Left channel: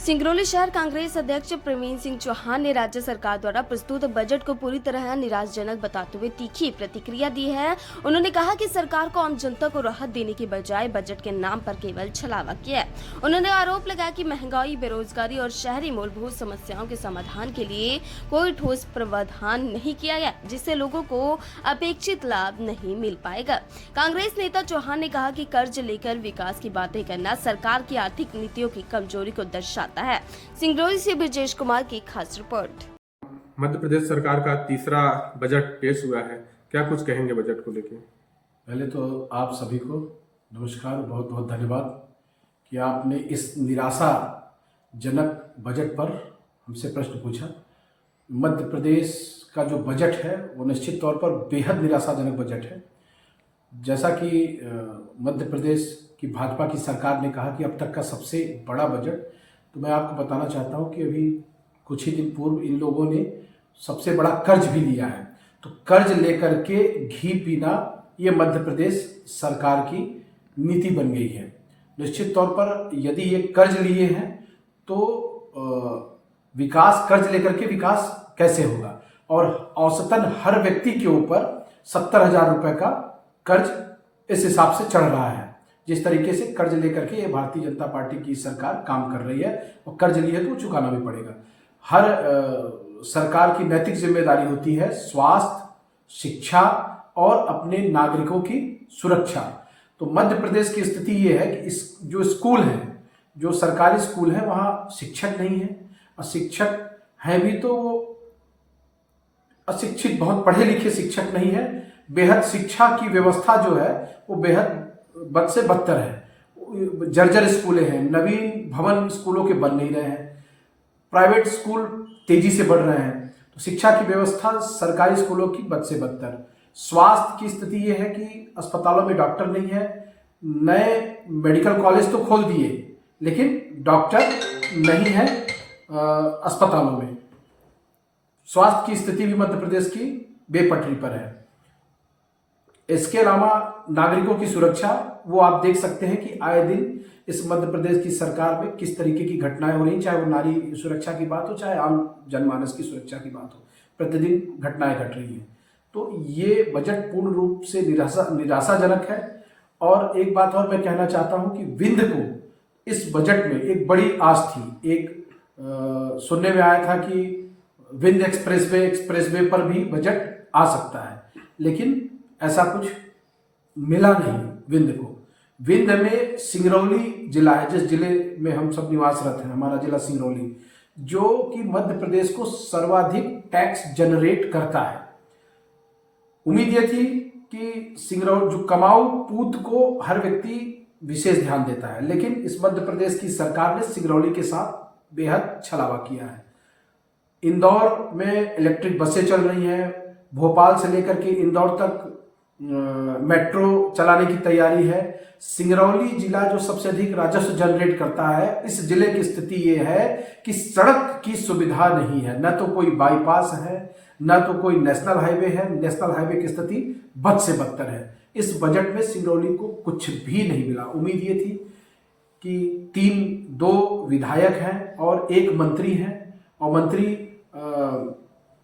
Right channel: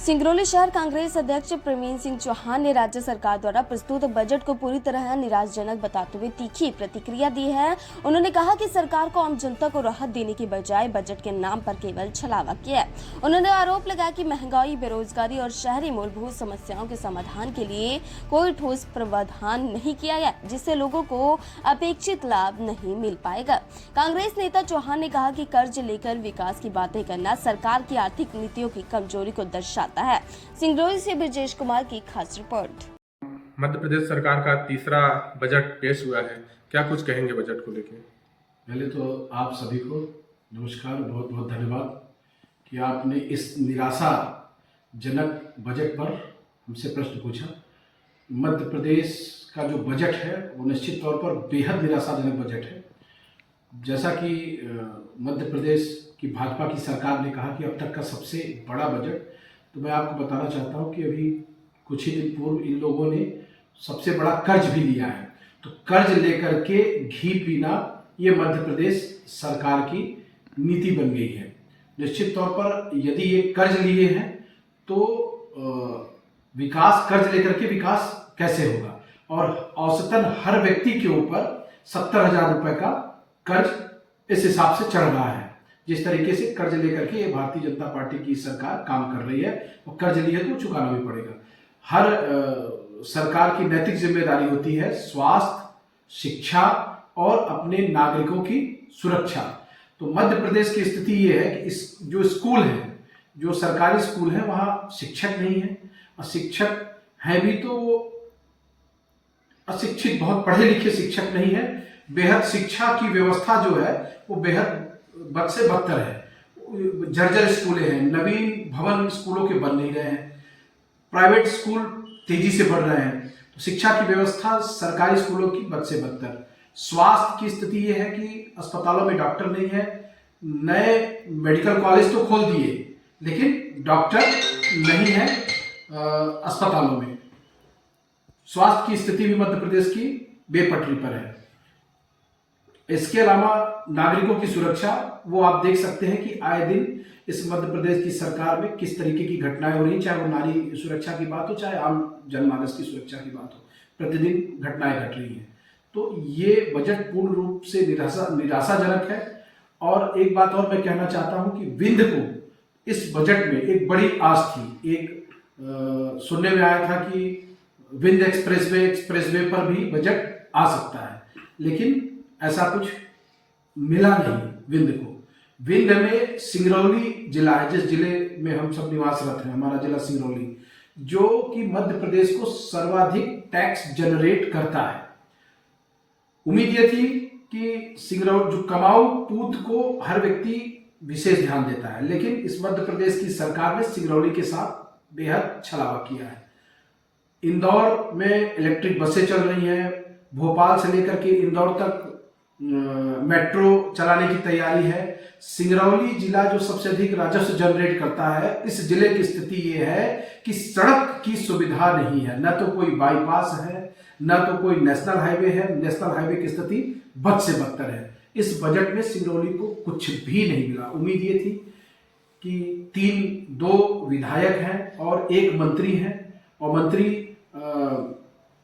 सिंगरौली शहर कांग्रेस अध्यक्ष प्रवीण सिंह चौहान ने राज्य सरकार द्वारा प्रस्तुत बजट को पूरी तरह निराशाजनक बताते हुए तीखी प्रतिक्रिया दी है। उन्होंने कहा कि सरकार को आम जनता को राहत देने के बजाय बजट के नाम पर केवल छलावा किया है। उन्होंने आरोप लगाया कि महंगाई, बेरोजगारी और शहरी मूलभूत समस्याओं के समाधान के लिए कोई ठोस प्रावधान नहीं किया गया, जिससे लोगों को अपेक्षित लाभ नहीं मिल पाएगा। कांग्रेस नेता चौहान ने कहा कि कर्ज लेकर विकास की बातें करना सरकार की आर्थिक नीतियों की कमजोरी को दर्शाता है। सिंगरौली से ब्रजेश कुमार की खास रिपोर्ट। मध्य प्रदेश सरकार का तीसरा बजट पेश हुआ है, क्या कुछ कहेंगे बजट को लेकर? पहले तो आप सभी को नमस्कार, बहुत बहुत धन्यवाद कि आपने इस निराशाजनक बजट पर हमसे प्रश्न पूछा। मध्य प्रदेश का जो बजट है वो निश्चित तौर पर बेहद निराशाजनक बजट है। जैसा कि मध्य प्रदेश की भाजपा की सरकार ने कहा कि अब तक का सबसे बड़ा बजट, तो मैं आपको बताना चाहता हूं कि अभी कुछ ही दिन पूर्व इन लोगों ने सबसे बड़ा कर्ज भी लिया है। तो कर्ज लेकर के घी पीना ये मध्य प्रदेश सरकार की नीति बन गई है। निश्चित तौर पर यदि ये कर्ज लिए हैं तो विकास, कर्ज लेकर के विकास कैसे होगा? और औसतन हर व्यक्ति के ऊपर 70,000 रुपए का कर्ज इस हिसाब से चढ़ रहा है। जिस तरीके से कर्ज लेकर के भारतीय जनता पार्टी की सरकार काम कर रही है, और कर्ज लिए तो चुकाना भी पड़ेगा। हर सरकार की नैतिक जिम्मेदारी होती है स्वास्थ्य, शिक्षा और अपने नागरिकों की सुरक्षा। तो मध्य प्रदेश की स्थिति ये है कि इस जो स्कूल है, जो सरकारी स्कूल है, वहाँ शिक्षक नहीं है, और शिक्षक हैं भी तो वो अशिक्षित, बहुत पढ़े लिखे शिक्षक नहीं है। बेहद शिक्षा की व्यवस्था जो है वो बेहद बद से बदतर है। जर्जर स्कूलें हैं, नवीन भवन स्कूलों के बन नहीं रहे हैं, प्राइवेट स्कूल तेजी से बढ़ रहे हैं। तो शिक्षा की व्यवस्था सरकारी स्कूलों की बद से बदतर। स्वास्थ्य की स्थिति ये है कि अस्पतालों में डॉक्टर नहीं है। नए मेडिकल कॉलेज तो खोल दिए लेकिन डॉक्टर नहीं है अस्पतालों में। स्वास्थ्य की स्थिति भी मध्य प्रदेश की बेपटरी पर है। इसके अलावा नागरिकों की सुरक्षा, वो आप देख सकते हैं कि आए दिन इस मध्य प्रदेश की सरकार में किस तरीके की घटनाएं हो रही हैं, चाहे वो नारी सुरक्षा की बात हो, चाहे आम जनमानस की सुरक्षा की बात हो। प्रतिदिन घटनाएं घट रही हैं। तो ये बजट पूर्ण रूप से निराशाजनक है। और एक बात और मैं कहना चाहता हूं कि विंध्य को इस बजट में एक बड़ी आस थी। सुनने में आया था कि विंध्य एक्सप्रेसवे पर भी बजट आ सकता है, लेकिन ऐसा कुछ मिला नहीं विंध्य को। विंध्य में सिंगरौली जिला है, जिस जिले में हम सब निवासरत हैं, हमारा जिला सिंगरौली, जो कि मध्य प्रदेश को सर्वाधिक टैक्स जनरेट करता है। उम्मीद ये थी कि सिंगरौली, जो कमाऊ पूत को हर व्यक्ति विशेष ध्यान देता है, लेकिन इस मध्य प्रदेश की सरकार ने सिंगरौली के साथ बेहद छलावा किया है। इंदौर में इलेक्ट्रिक बसें चल रही हैं, भोपाल से लेकर के इंदौर तक मेट्रो चलाने की तैयारी है। सिंगरौली जिला जो सबसे अधिक राजस्व जनरेट करता है, इस जिले की स्थिति ये है कि सड़क की सुविधा नहीं है। न तो कोई बाईपास है, न तो कोई नेशनल हाईवे है। नेशनल हाईवे की स्थिति बद से बदतर है। इस बजट में सिंगरौली को कुछ भी नहीं मिला। उम्मीद ये थी कि 2 विधायक हैं और 1 मंत्री हैं, और मंत्री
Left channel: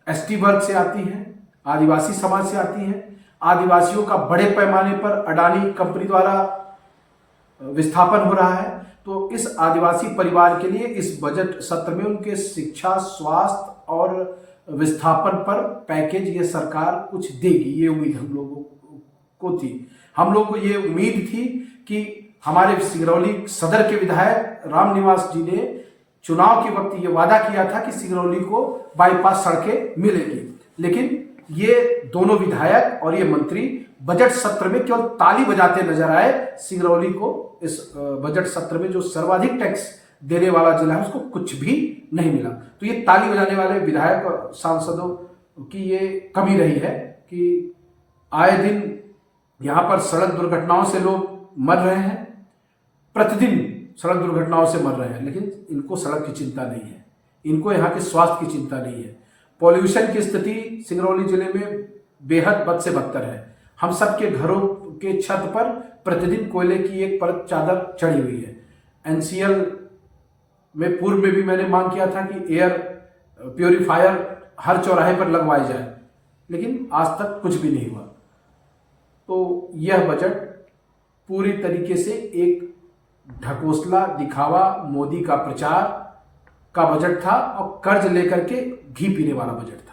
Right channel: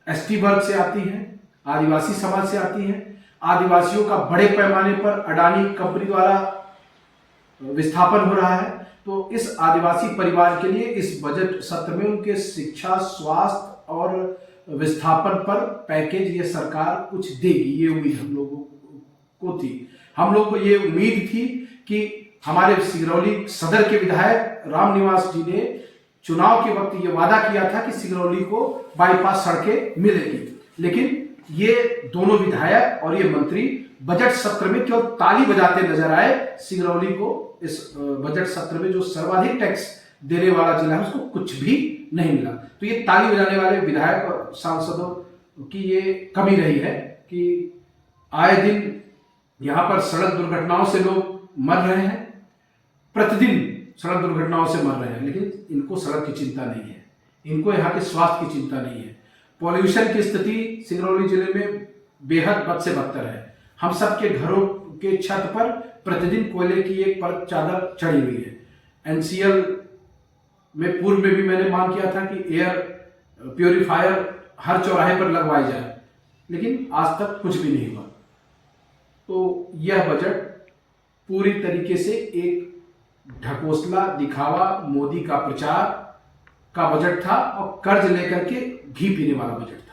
एसटी वर्ग से आती हैं, आदिवासी समाज से आती हैं। आदिवासियों का बड़े पैमाने पर अडानी कंपनी द्वारा विस्थापन हो रहा है। तो इस आदिवासी परिवार के लिए इस बजट सत्र में उनके शिक्षा, स्वास्थ्य और विस्थापन पर पैकेज ये सरकार कुछ देगी, ये उम्मीद हम लोगों को थी। हम लोगों को ये उम्मीद थी कि हमारे सिंगरौली सदर के विधायक रामनिवास जी ने चुनाव के वक्त ये वादा किया था कि सिंगरौली को बाईपास सड़कें मिलेगी, लेकिन ये दोनों विधायक और ये मंत्री बजट सत्र में केवल ताली बजाते नजर आए। सिंगरौली को इस बजट सत्र में जो सर्वाधिक टैक्स देने वाला जिला है उसको कुछ भी नहीं मिला। तो ये ताली बजाने वाले विधायक और सांसदों की ये कमी रही है कि आए दिन यहाँ पर सड़क दुर्घटनाओं से लोग मर रहे हैं, प्रतिदिन सड़क दुर्घटनाओं से मर रहे हैं, लेकिन इनको सड़क की चिंता नहीं है, इनको यहाँ के स्वास्थ्य की चिंता नहीं है। पॉल्यूशन की स्थिति सिंगरौली जिले में बेहद बद से बदतर है। हम सब के घरों के छत पर प्रतिदिन कोयले की एक परत चादर चढ़ी हुई है। एनसीएल में पूर्व में भी मैंने मांग किया था कि एयर प्योरीफायर हर चौराहे पर लगवाए जाए, लेकिन आज तक कुछ भी नहीं हुआ। तो यह बजट पूरी तरीके से एक ढकोसला, दिखावा, मोदी का प्रचार का बजट था और कर्ज लेकर के घी पीने वाला बजट था।